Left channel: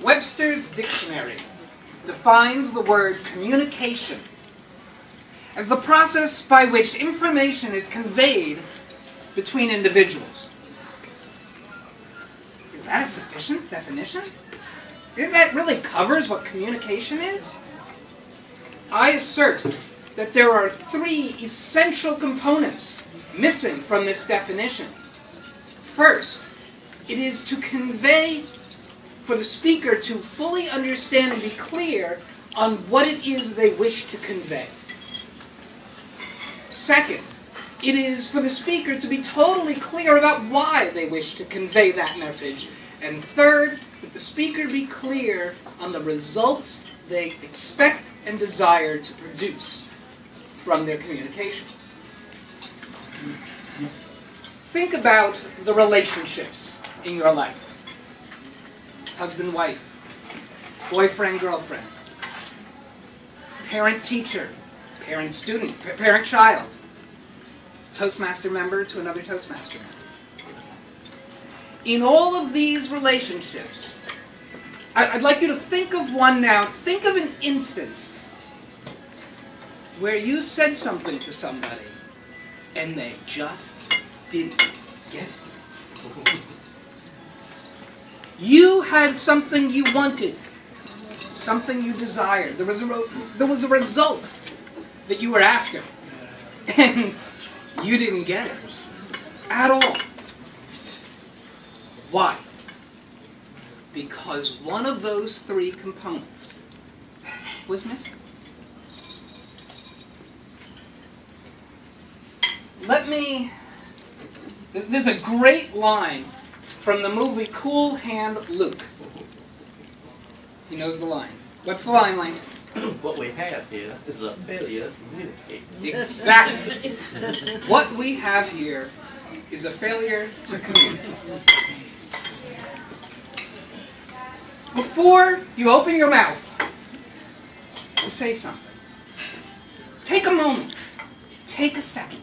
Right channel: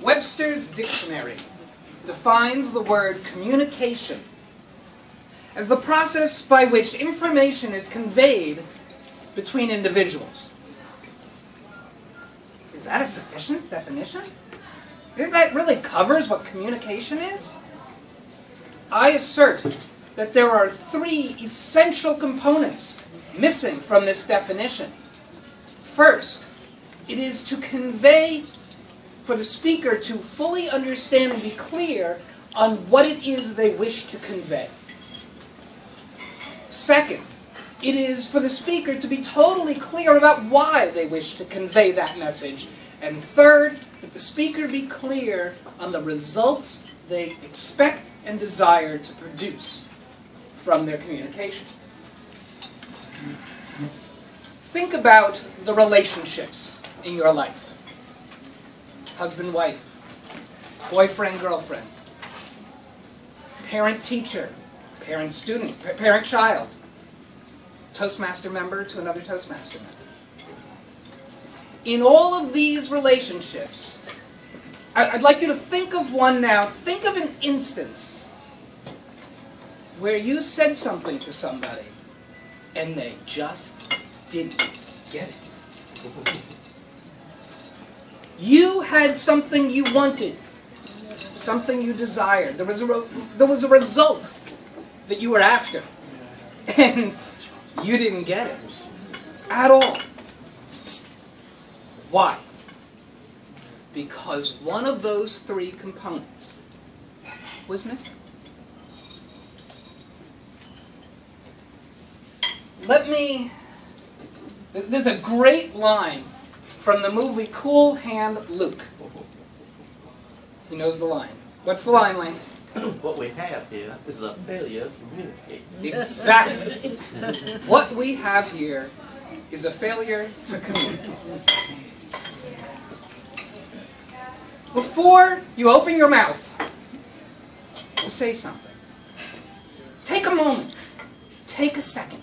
Webster's Dictionary defines the word communication as the process by which information is conveyed between individuals. Is that a sufficient definition? That really covers what communication is? I assert that there are three essential components missing from this definition. First, it is to convey, for the speaker to fully understand and be clear on what it is they wish to convey. Second, it is for the speaker to be totally clear about why they wish to convey that message. And third, that the speaker be clear on the results they expect and desire to produce from their communication. Think about the relationships in your life. Husband-wife, boyfriend-girlfriend, parent-teacher, parent-student, parent-child, Toastmaster member to another Toastmaster member. In all of these relationships, I'd like you to think of one now. Think of an instance where you said something to somebody and they just didn't get it. You had something you wanted, something you desired. There was a result that you were after, and you didn't get it at all. Why? Because one of those three components was missing. There's a great line from the movie Cool Hand Luke. He knows the line. What's the line, Lane? What we have here is a failure to communicate. Exactly. What we have here is a failure to communicate. Before you open your mouth to say something, take a moment, take a second.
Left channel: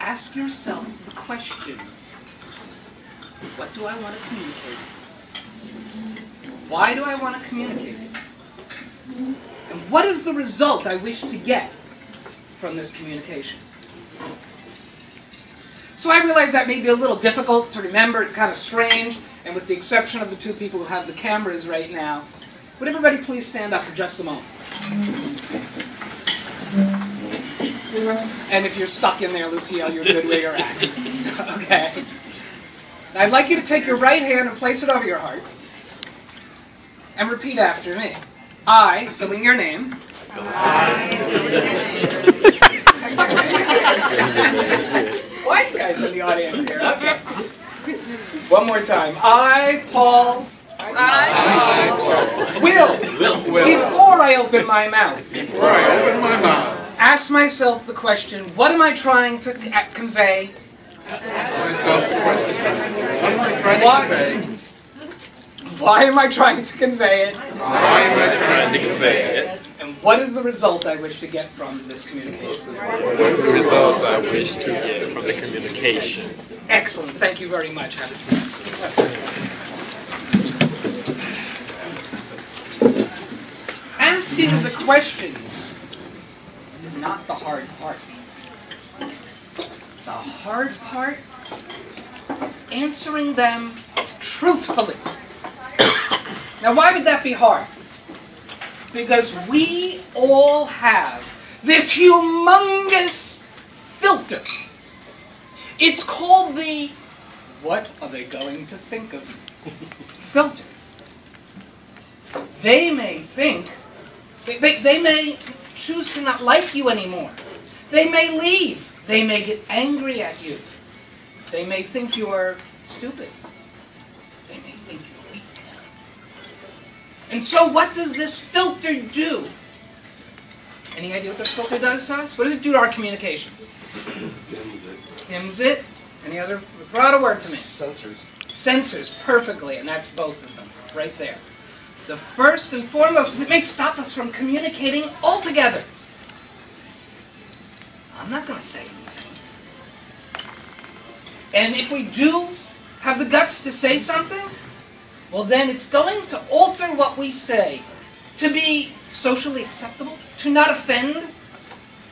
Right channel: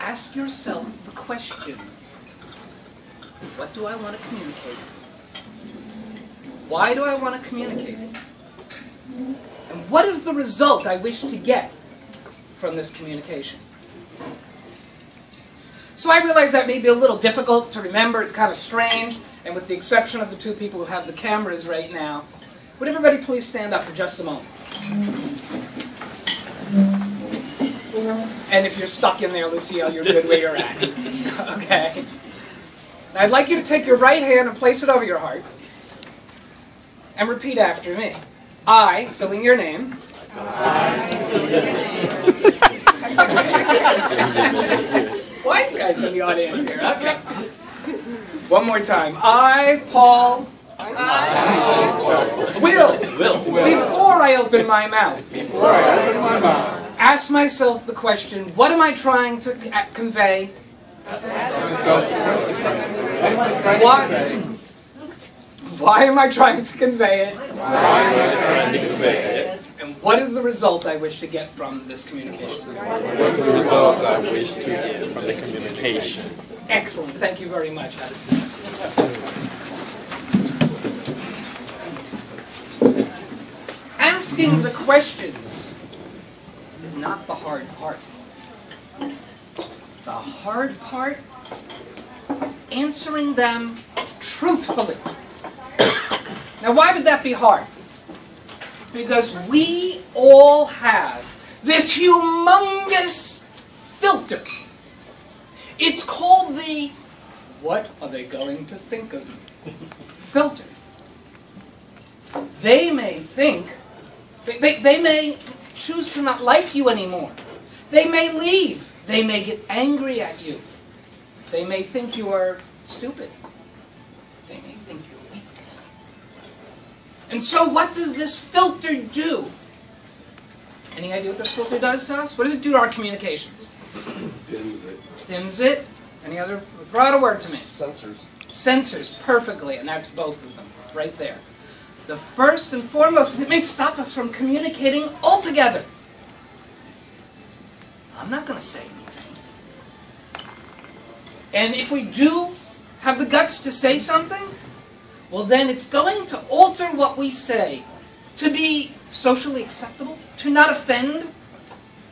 Ask yourself the question, what do I want to communicate? Why do I want to communicate it? And what is the result I wish to get from this communication? So I realize that may be a little difficult to remember. It's kind of strange. And with the exception of the two people who have the cameras right now, would everybody please stand up for just a moment? And if you're stuck in there, Lucille, you're good where you're at. Okay. Now I'd like you to take your right hand and place it over your heart. And repeat after me. I, filling your name. Wise guys in the audience here. Okay. One more time. I, Paul. Will. Before I open my mouth. Ask myself the question, what am I trying to convey? Why am I trying to convey it? And what is the result I wish to get from this communication? What is the result I wish to get from the communication? Excellent. Thank you very much. Have a seat. Asking the questions is not the hard part. The hard part is answering them truthfully. Now, why would that be hard? Because we all have this humongous filter. It's called the "what are they going to think of me?" filter. They may think, they may choose to not like you anymore. They may leave. They may get angry at you. They may think you are stupid. They may think you're weak. And so what does this filter do? Any idea what this filter does to us? What does it do to our communications? Dims it. Any other? Throw out a word to me. Sensors. Sensors, perfectly, and that's both of them, right there. The first and foremost is it may stop us from communicating altogether. I'm not going to say anything. And if we do have the guts to say something, well then it's going to alter what we say to be socially acceptable, to not offend,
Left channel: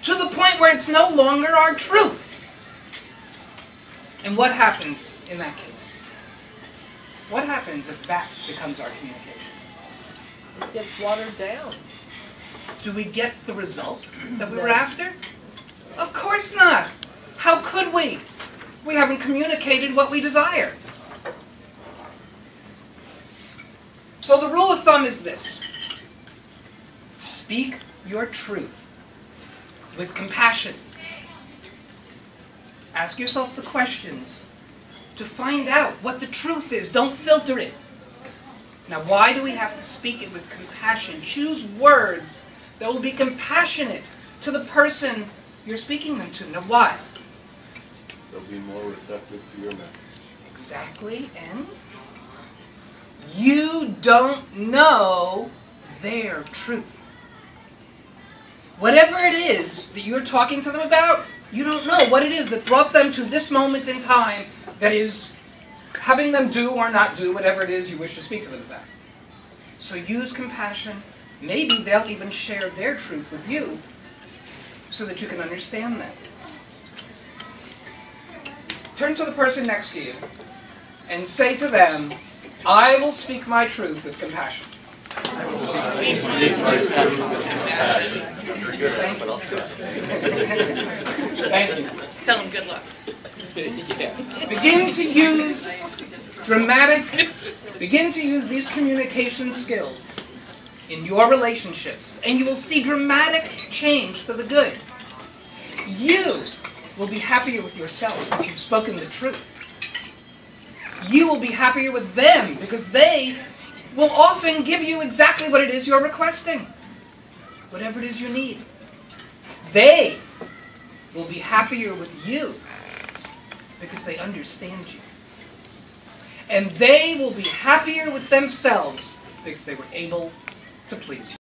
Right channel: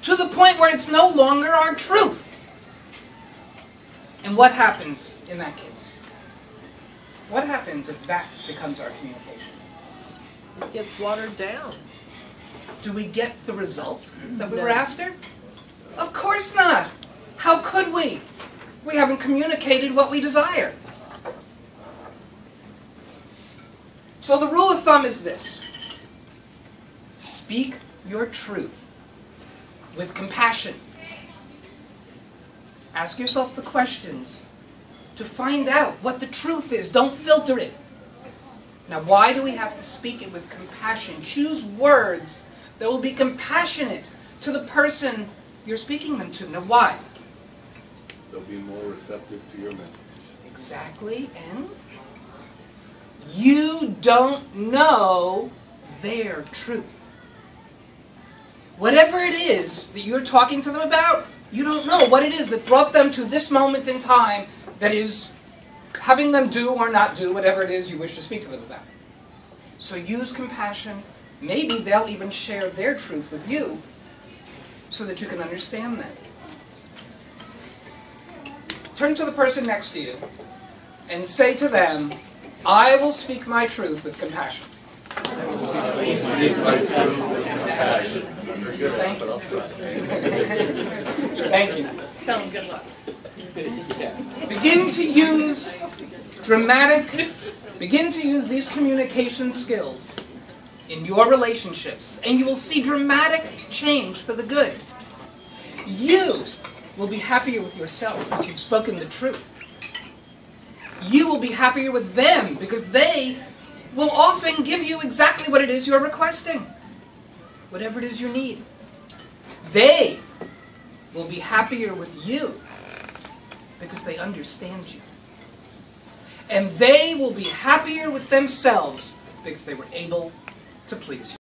to the point where it's no longer our truth. And what happens in that case? What happens if that becomes our communication? It gets watered down. Do we get the result that we were after? Of course not. How could we? We haven't communicated what we desire. So the rule of thumb is this. Speak your truth with compassion. Ask yourself the questions to find out what the truth is. Don't filter it. Now, why do we have to speak it with compassion? Choose words that will be compassionate to the person you're speaking them to. Now, why? They'll be more receptive to your message. Exactly, and you don't know their truth. Whatever it is that you're talking to them about, you don't know what it is that brought them to this moment in time that is having them do or not do whatever it is you wish to speak to them about. So use compassion. Maybe they'll even share their truth with you so that you can understand them. Turn to the person next to you and say to them, I will speak my truth with compassion. Thank you. Tell them good luck. Begin to use these communication skills in your relationships, and you will see dramatic change for the good. You will be happier with yourself because you've spoken the truth. You will be happier with them because they will often give you exactly what it is you're requesting, whatever it is you need. They will be happier with you because they understand you. And they will be happier with themselves because they were able to please you.